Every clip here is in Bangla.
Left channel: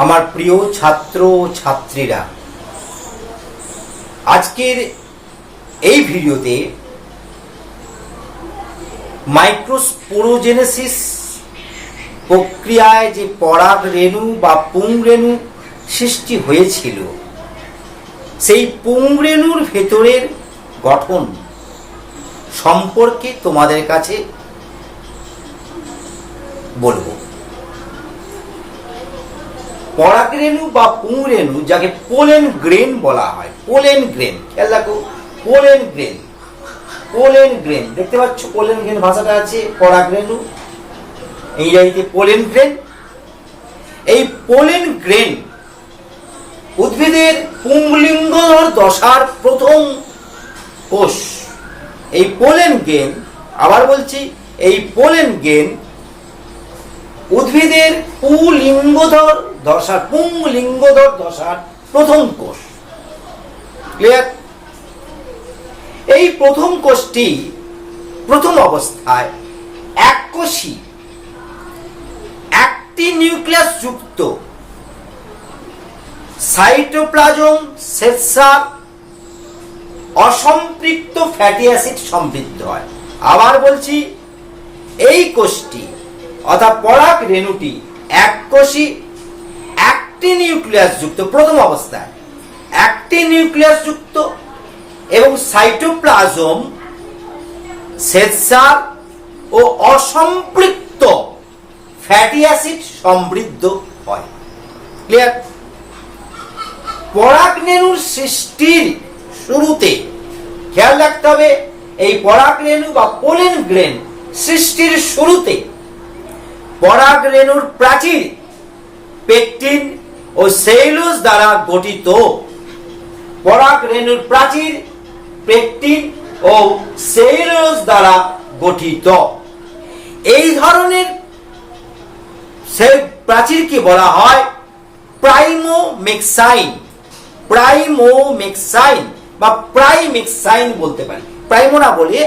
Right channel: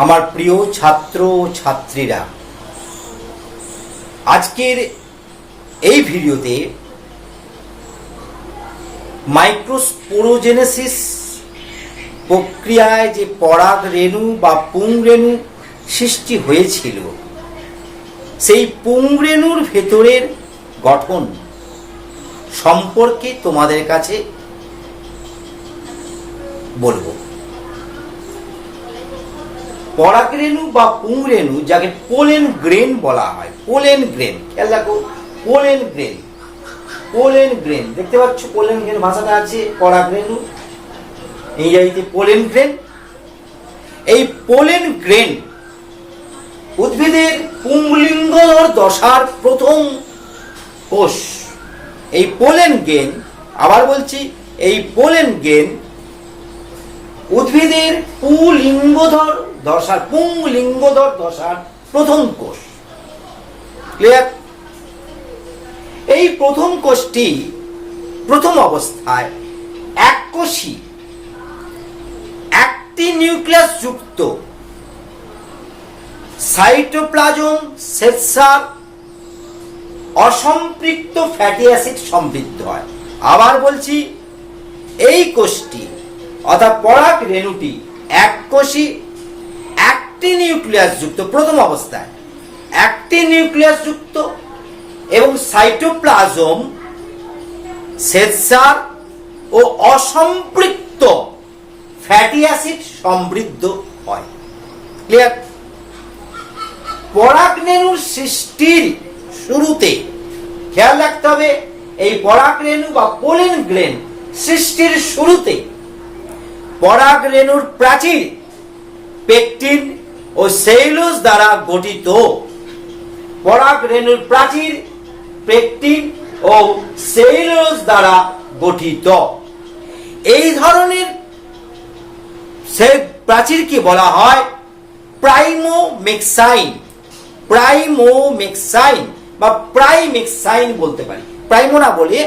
আমার প্রিয় ছাত্র ও ছাত্রীরা, আজকের এই ভিডিওতে মাইক্রোস্পোরোজেনেসিস প্রক্রিয়ায় যে পরাগ রেণু বা পুংরেণু সৃষ্টি হয়েছিল, সেই পুংরেণুর ভেতরের গঠন সম্পর্কে তোমাদের কাছে বলবো। পরাগরেণু বা পুংরেণু, যাকে পোলেন গ্রেন বলা হয়, পোলেন গ্রেন, খেয়াল রাখো, পোলেন গ্রেন, পোলেন গ্রেন দেখতে পাচ্ছ, পোলেন গ্রেন ভাষাটা আছে, পরাগরেণু ইংরেজিতে পোলেন গ্রেন। এই পোলেন গ্রেন উদ্ভিদের পুংলিঙ্গধর দশার প্রথম কোষ। এই পোলেন গ্রেন, আবার বলছি, এই পোলেন গ্রেন উদ্ভিদের পুংলিঙ্গধর দশার প্রথম কোষ। ক্লিয়ার? এই প্রথম কোষটি প্রথম অবস্থায় এককোষী, একটি নিউক্লিয়াস যুক্ত সাইটোপ্লাজম শ্বেতসার অসম্পৃক্ত ফ্যাটি অ্যাসিড সমৃদ্ধ হয়। আবার বলছি, এই কোষটি অর্থাৎ পরাগ রেণুটি এককোষী, একটি নিউক্লিয়াস যুক্ত, প্রথম অবস্থায় একটি নিউক্লিয়াস যুক্ত এবং সাইটোপ্লাজম শ্বেতসার ও অসম্পৃক্ত ফ্যাটি অ্যাসিড সমৃদ্ধ হয়। ক্লিয়ার? পরাগ রেণুর সৃষ্টির শুরুতে খেয়াল রাখতে হবে, এই পরাগ রেণু বা পোলেন গ্রেন সৃষ্টির শুরুতে পরাগ রেণুর প্রাচীর পেকটিন ও সেলুলোজ দ্বারা গঠিত। পরাগ রেণুর প্রাচীর পেকটিন ও সেলুলোজ দ্বারা গঠিত। এই ধরনের প্রাচীরকে বলা হয় প্রাইমোমেক্সাইন। প্রাইমোমেক্সাইন বা প্রাইমেক্সাইন বলতে পারি, প্রাইমো না বলে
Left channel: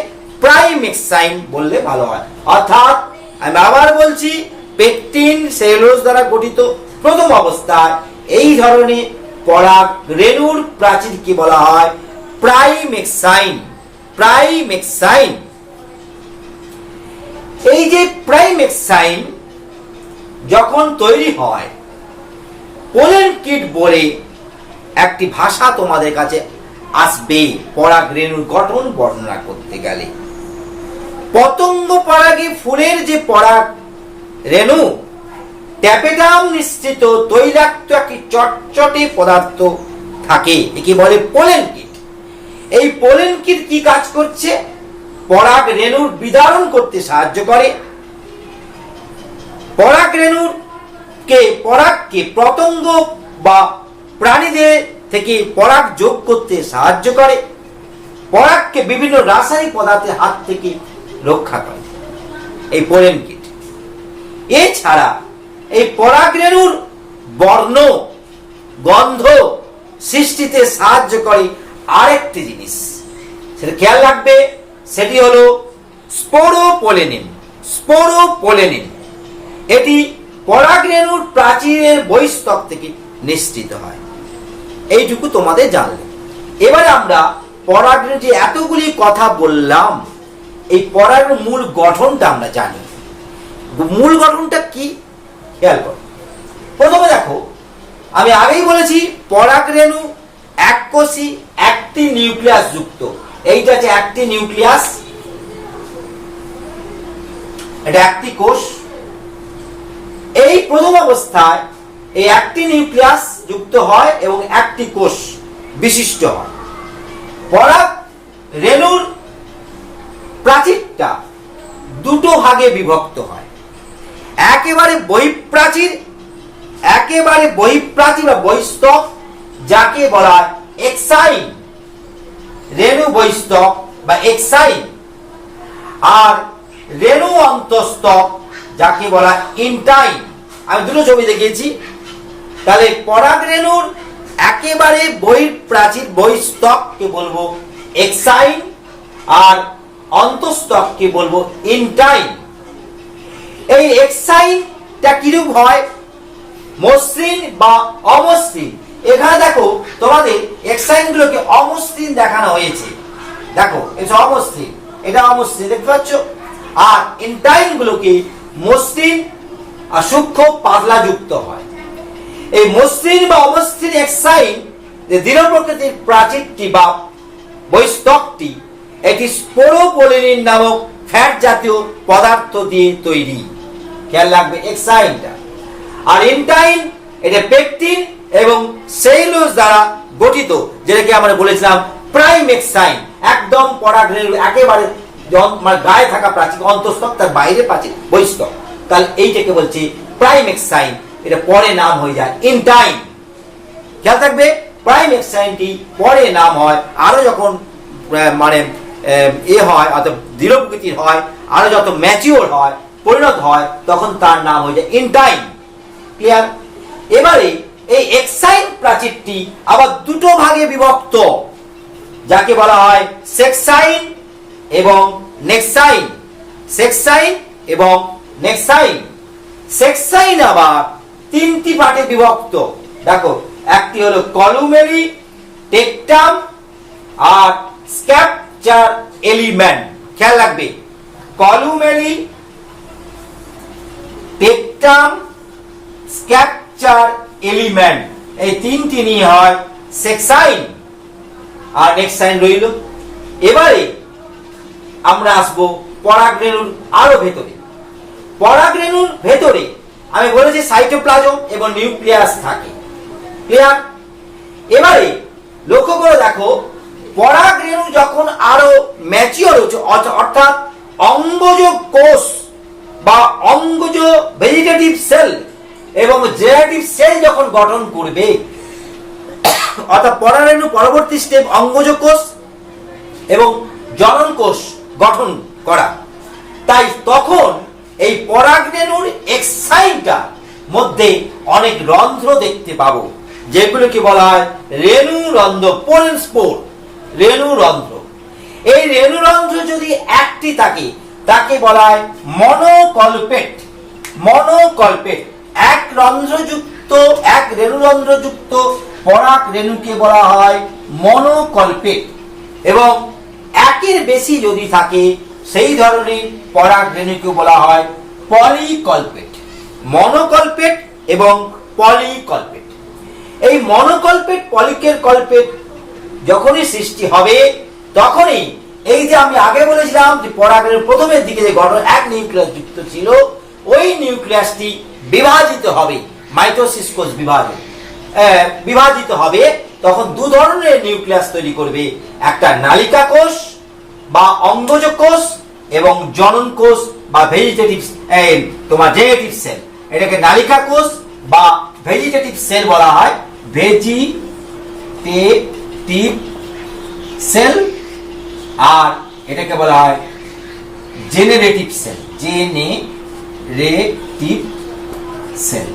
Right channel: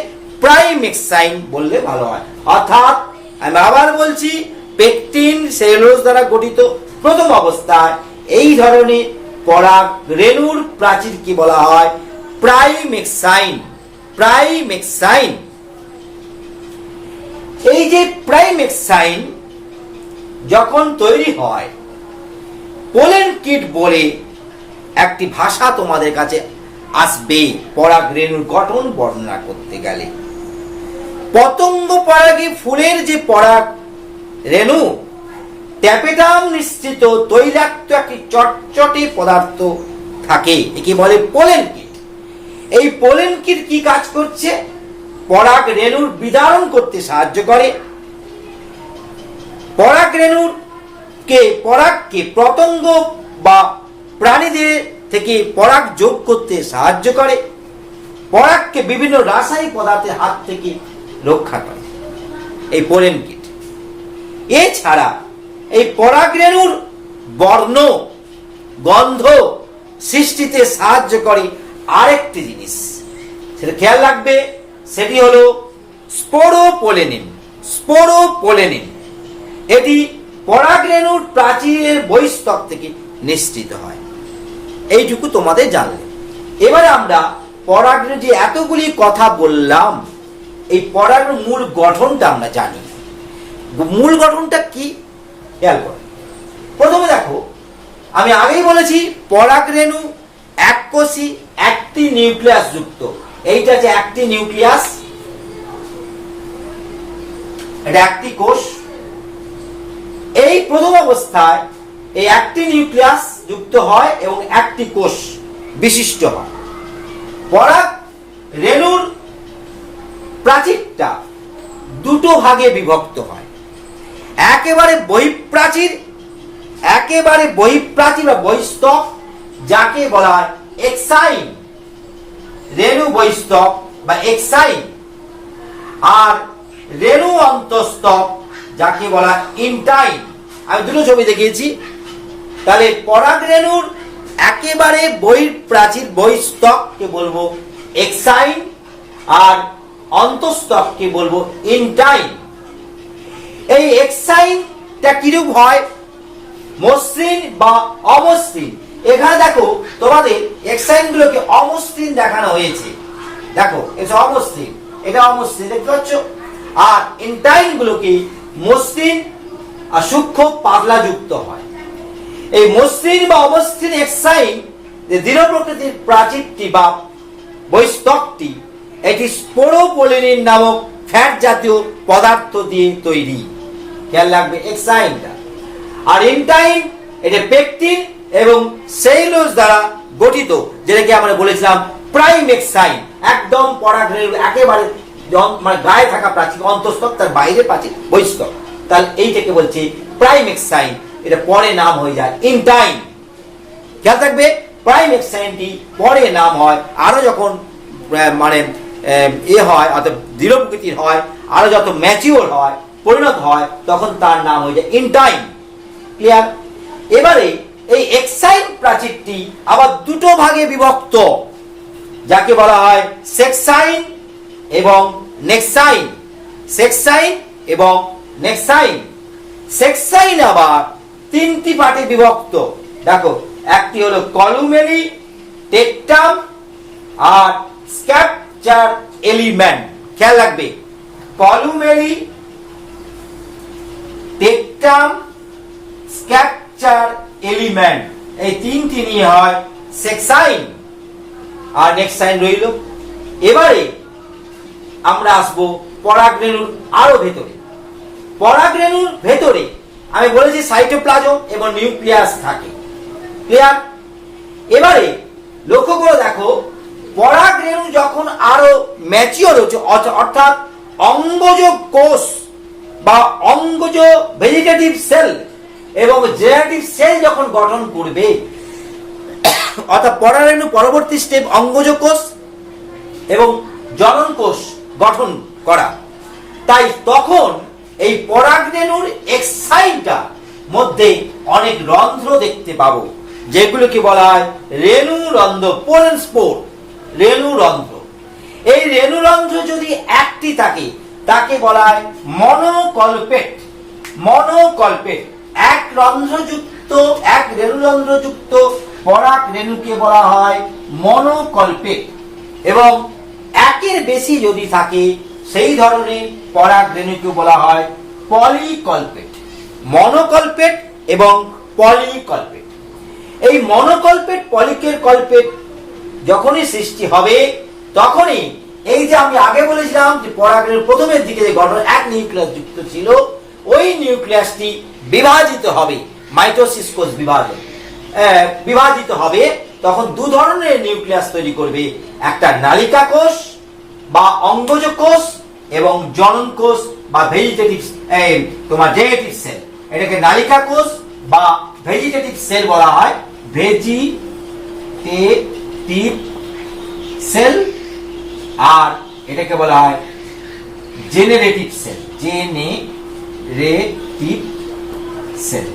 প্রাইমেক্সাইন বললে ভালো হয়। অর্থাৎ আমি আবার বলছি, পেকটিন সেলুলোজ দ্বারা গঠিত প্রথম অবস্থায় এই ধরনের পরাগ রেণুর প্রাচীরকে বলা হয় প্রাইমেক্সাইন। প্রাইমেক্সাইন, এই যে প্রাইমেক্সাইন যখন তৈরি হয়, পোলেন কিট বলে একটি ভাষা তোমাদের কাছে আসবে পরাগ রেণুর গঠন বর্ণনা করতে গেলে। পতঙ্গ পরাগী ফুলের যে পরাগ রেণু ট্যাপেটাম নিশ্চিত তৈলাক্ত একটি চটচটে পদার্থ থাকে, একে বলে পোলেন কিট। এই পোলেন কিট কি কাজ করছে? পরাগ রেণুর বিদারণ করতে সাহায্য করে, পরাগ রেণুর পরাগকে পতঙ্গ বা প্রাণীদের থেকে পরাগ যোগ করতে সাহায্য করে, পরাগকে বিভিন্ন রাসায়নিক পদার্থের হাত থেকে রক্ষা করে এই পোলেন কিট। এছাড়া এই পরাগ রেণুর বর্ণ, গন্ধ সৃষ্টিতে সাহায্য করে আরেকটি জিনিস, সেটা খেয়াল রাখবে, সেটি হলো স্পোরোপোলেনিন। স্পোরোপোলেনিন এটি পরাগ রেণুর প্রাচীরের বহিঃস্তর থেকে নিঃসৃত হয়। এইটুকু তোমাদের জানলে। এবারে আমরা পরাগ রেণুর যে এতগুলি কথা বললাম, এই পরাগ রেণুর মূল গঠনটা আমরা জানি। মূল গঠনটা কি খেয়াল করো। প্রথমে দেখো, আমি আগেই বলেছি পরাগ রেণু এককোষী, একটি নিউক্লিয়াস যুক্ত। এইটা যে একটি নিউক্লিয়াস, এটা একটি কোষ। এই প্রথম অবস্থায় এই একটি নিউক্লিয়াস যুক্ত হয় এবং একটি কোষ বিশিষ্ট হয়। পরাগ রেণুর প্রাচীরটা দুটো ভাগে বিভক্ত হয়। একেবারে বহিঃপ্রাচীর বা বহিঃস্তক, যাকে বলা হয় এক্সাইন, রেণু বহিঃস্তক বা এক্সাইন, আর রেণু অন্তঃস্তক, যাকে বলা হয় ইন্টাইন। আমি দুটো ছবি দেখিয়েছি। তাহলে পরাগ রেণুর একেবারে বহিঃপ্রাচীর বহিঃস্তককে বলবো এক্সাইন, আর অন্তঃস্তককে বলবো ইন্টাইন। এই এক্সাইনটা কিরূপ হয়? মসৃণ বা অমসৃণ। এখানে দেখো তোমাদের এক্সাইন গুলোকে অমসৃণ দেখানো হয়েছে, দেখো এটা অমসৃণ, এটা অমসৃণ দেখতে পাচ্ছ। আর ইন্টাইন গুলোকে মসৃণ আর সূক্ষ্ম পাতলা যুক্ত হয়। এই মসৃণ বা অমসৃণ এক্সাইন যে দৃঢ় প্রকৃতির প্রাচীরটি বা বহিস্তকটি একটি স্পোরোপলিনিন নামক ফ্যাট জাতীয় পদার্থ দিয়ে তৈরি, খেয়াল রাখবে এক্সাইনটা। আর ইন্টাইন এটা পেকটিন এবং সেলুলোজ দ্বারা গঠিত, যেটাকে আমরা বলেছিলাম প্রাইম এক্সাইন, একদম পরাগরেণুর একেবারে মানে গায়ে থাকা প্রাচীর, অন্তঃস্থক তার বাইরে প্রাচীর বহিস্তক, তাহলে এইটাকে বলছে প্রাইম এক্সাইন। এটা পরে নাম হয়ে যায় ইন্টাইন। খেয়াল থাকবে প্রাইম এক্সাইনটি পরে নাম হয় আরো যখন মানে হয়, অর্থাৎ দৃঢ় প্রকৃতির হয়, আরো যত ম্যাচিওর হয়, পরিণত হয়, তখন তার নাম হয়ে যায় ইন্টাইন। ক্লিয়ার? এবারে এই এক্সাইন প্রাচীরটি আবার দুটো ভাগে বিভক্ত, যাকে বলা হয় সেক্সাইন এবং নেক্সাইন। সেক্সাইন এবং নেক্সাইন। সেক্সাইন আবার তিনটি পার্টে বিভক্ত, দেখো একটি হলো কলুমেলি, টেকটাম আর স্ক্যাপচার এলিমেন্ট। খেয়াল রাখবে কলুমেলি, টেকটাম, স্ক্যাপচার এলিমেন্ট, এই তিনটি নিয়ে হয় সেক্সাইন আর নেক্সাইন রইল। এবারে আমরা আসবো পরাগরেণুর আরো ভেতরে। পরাগরেণুর ভেতরে আমি বলেছি সাইটোপ্লাজম এবং নিউক্লিয়াস থাকে। ক্লিয়ার? এবারে লক্ষ্য করে দেখো পরাগরেণু যখন আরো ম্যাচিওর হচ্ছে, অর্থাৎ অঙ্গজ কোষ বা অঙ্গজ ভেজিটেটিভ সেল এবং জেনারেটিভ সেল যখন গঠন করবে, অর্থাৎ পরাগরেণু পরবর্তী স্টেপ অঙ্গজ কোষ এবং জনন কোষ গঠন করা, তাই তখন এই পরাগরেণুর এক্সাইনটা মধ্যে অনেক রন্ধ্র দেখতে পাবো, যেগুলোকে বলা হয় রেণু রন্ধ্র, পোলেন স্পোর, রেণু রন্ধ্র। এই রেণু রন্ধ্র যদি একটি থাকে তাকে বলা হয় মনোকল্পেট। মনোকল্পেট, এক রন্ধ্রযুক্ত, এক রেণু রন্ধ্রযুক্ত পরাগরেণুকে বলা হয় মনোকল্পেট, এবং একের বেশি যদি থাকে সেই ধরনের পরাগরেণুকে বলা হয় পলিকল্পেট। মনোকল্পেট এবং পলিকল্পেট। এই মনোকল্পেট পলিকের কল্পেট যখনই সৃষ্টি হবে, তখনই এই যে আমি আগে বলেছিলাম যে পরাগরেণুর প্রথমের দিকে যে গঠন এক নিউক্লিয়াস যুক্ত ছিল, ওই নিউক্লিয়াসটি বিভাজিত হবে, মাইটোসিস কোষ বিভাজিত হবে, তখন দু ধরনের নিউক্লিয়াস তৈরি করবে, একটা নালিকা কোষ বা অঙ্গজ কোষ এবং জনন কোষ বা ভেজিটেটিভ তোমার জেনেটিভ সেল। এটাকে নালিকা কোষ বা ভেজিটেটিভ সেল বলা হয়, ভেজিটেটিভ সেল, আর এটাকে বলা হয় জেনারেটিভ সেল, জেনারেটিভ সেল।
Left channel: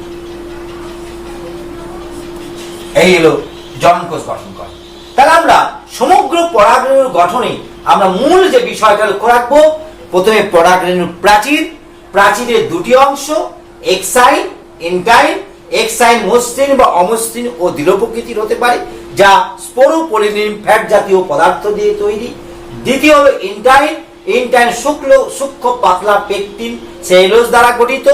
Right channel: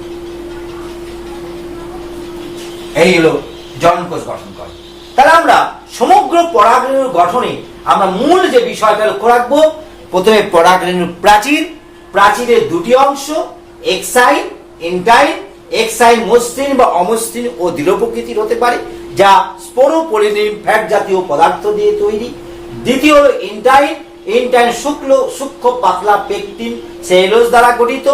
এই হলো জনন কোষ গঠন করে। তাহলে আমরা সমগ্র পরাগরেণুর গঠনে আমরা মূল যে বিষয়টা লক্ষ্য রাখবো, প্রথমে পরাগরেণুর প্রাচীর, প্রাচীরের দুটি অংশ এক্সাইন, ইন্টাইন। এক্সাইন মসৃণ বা অমসৃণ ও দৃঢ় প্রকৃতির হতে পারে, যা স্পোরোপলিনিন ফ্যাট জাতীয় পদার্থ দিয়ে তৈরি। দ্বিতীয় হলো ইন্টাইন। ইন্টাইন সূক্ষ্ম পাতলা পেকটিন সেলুলোজ দ্বারা গঠিত,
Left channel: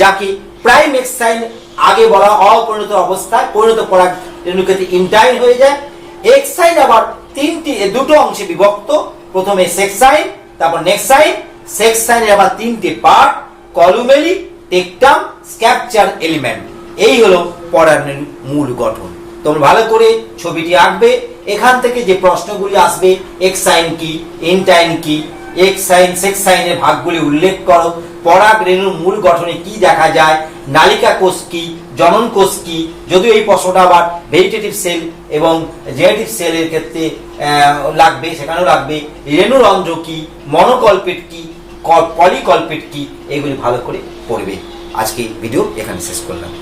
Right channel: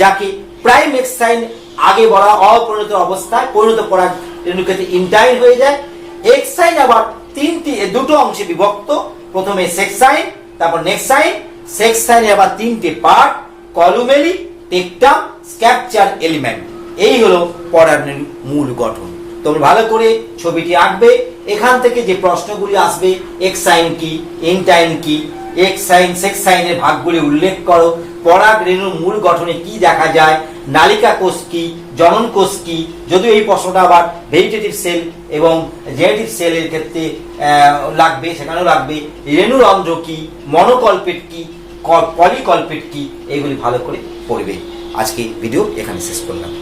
যাকে প্রাইম এক্সাইন আগে বলা অপরিণত অবস্থায়, পরিণত পরাগরেণুর ক্ষেত্রে ইন্টাইন হয়ে যায়। এক্সাইন আবার দুটো অংশে বিভক্ত, প্রথমে সেক্সাইন, তারপর নেক্সাইন। সেক্সাইনের আবার তিনটে পার্ট, কলুমেলি, টেকটাম, স্ক্যাপচার এলিমেন্ট। এই হলো পরাগরেণুর মূল গঠন। তোমরা ভালো করে ছবিটি আঁকবে, এখান থেকে যে প্রশ্নগুলি আসবে, এক্সাইন কি, ইন্টাইন কি, এক্সাইন সেক্সাইনের ভাগগুলি উল্লেখ করো, পরাগরেণুর মূল গঠনে কি দেখা যায়, নালিকা কোষ কি, জনন কোষ কি, যদিও এই প্রশ্নটা আবার ভেজিটেটিভ সেল এবং জেনেটিভ সেলের ক্ষেত্রে লাগবে, সেখানেও লাগবে, রেণুরন্ধ্র কি, মনোকল্পেট কি, পলিকল্পেট কি, এগুলি ভালো করে পড়বে। আজকে ভিডিও এখানে শেষ করলাম।